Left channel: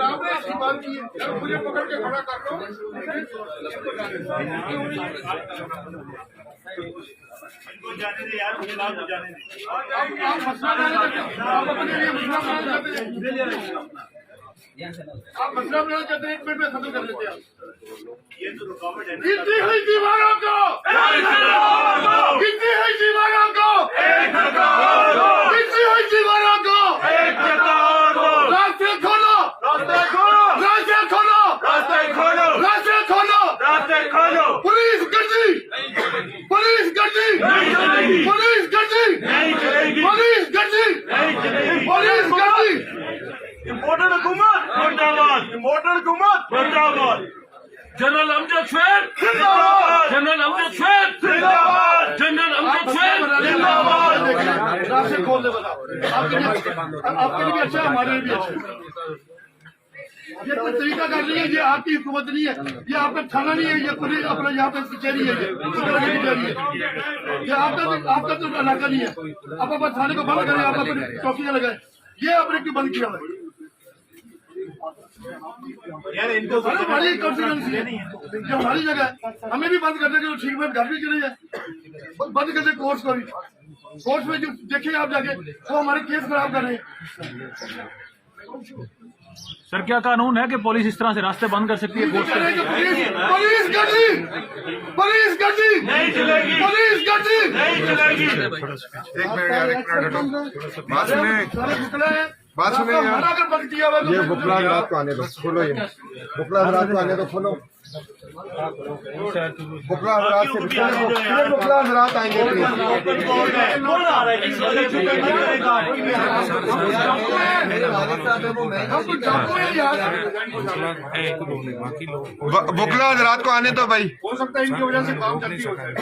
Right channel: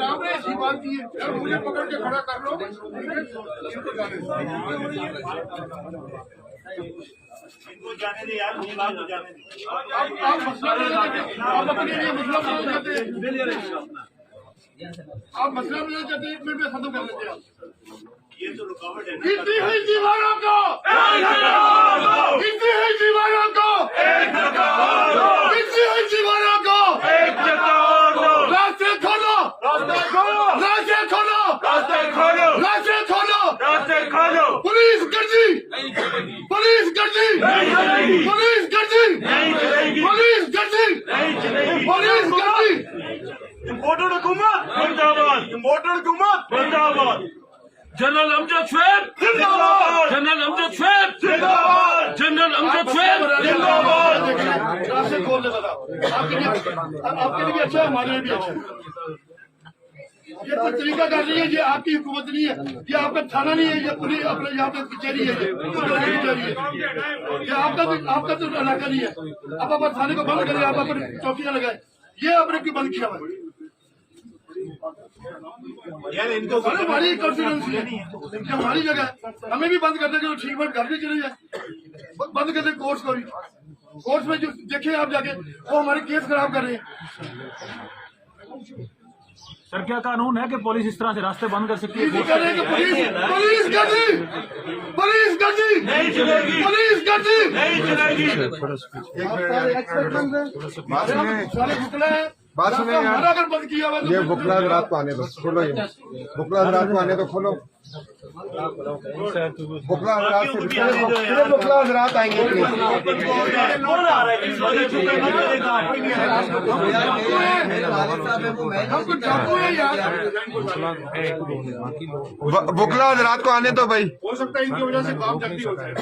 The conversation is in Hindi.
आपने ऐसी बात की, मुझे पकड़ के खड़ा कर लो। इनको जाने दे यार, फिलहाल तो जाने दे। आप मसला नहीं करते, आप अपने लिए मसला नहीं करते, आप मसला नहीं करते, 1 मिनट में खत्म कर देते आप। ये तो रुकावट है। गिनती हुई दीवारों को, गिनती हुई दीवारों को, गिनती हुई दीवारों को, रास्ते खोलो, रास्ते खोलो, रास्ते खोलो, रास्ते खोलो, रास्ते खोलो, रास्ते खोलो। पुलिस गर्दी, पुलिस गर्दी, पुलिस गर्दी, पुलिस गर्दी, पुलिस गर्दी। इम्पोर्टेड हुकूमत मुर्दाबाद, इम्पोर्टेड हुकूमत मुर्दाबाद। जनरल अमजद शेख जिंदाबाद, जनरल अमजद शेख जिंदाबाद, जनरल अमजद शेख जिंदाबाद। रास्ते खोल दो, बताओ आपके लिए भी अच्छा है, हमारे लिए भी अच्छा है। ये कोई तरीका कर रही है, ये आपकी हुकूमत नहीं है, ये आपका थाना नहीं है, ये पुलिस अपना यहाँ पे कचहरी है, ये आपका तो इलाका नहीं है। आप अपने थाने को बंद करें, आप अपने चौकियां लगाए, ये आपने क्यों बंद किया है? यार इनको हमारी कॉन्फिडेंसी है, जो हमारी जगह है, हमें भी बंद कर देंगे, ठीक है, घर भी चले जाए, बंद कर दे कोर्स को भी। कोर्स में जो देखें आप जाके, वो हमारे केस खराब कर रहे हैं। सर क्या कानून है कि पुलिस इस तरह से रास्ते बंद कर सकती है? पुलिस गर्दी, पुलिस गर्दी नहीं चलेगी, पुलिस गर्दी नहीं चलेगी। बात सुने यार, ये बुकला रात को आने दो, खोलो ये बुकला रात को आने दो, खोलो बुकला रात से बुकला रात आएंगे। बुकला रात को आने दो भाई, हो सकता है इनकी वजह से काम जल्दी हो जाए।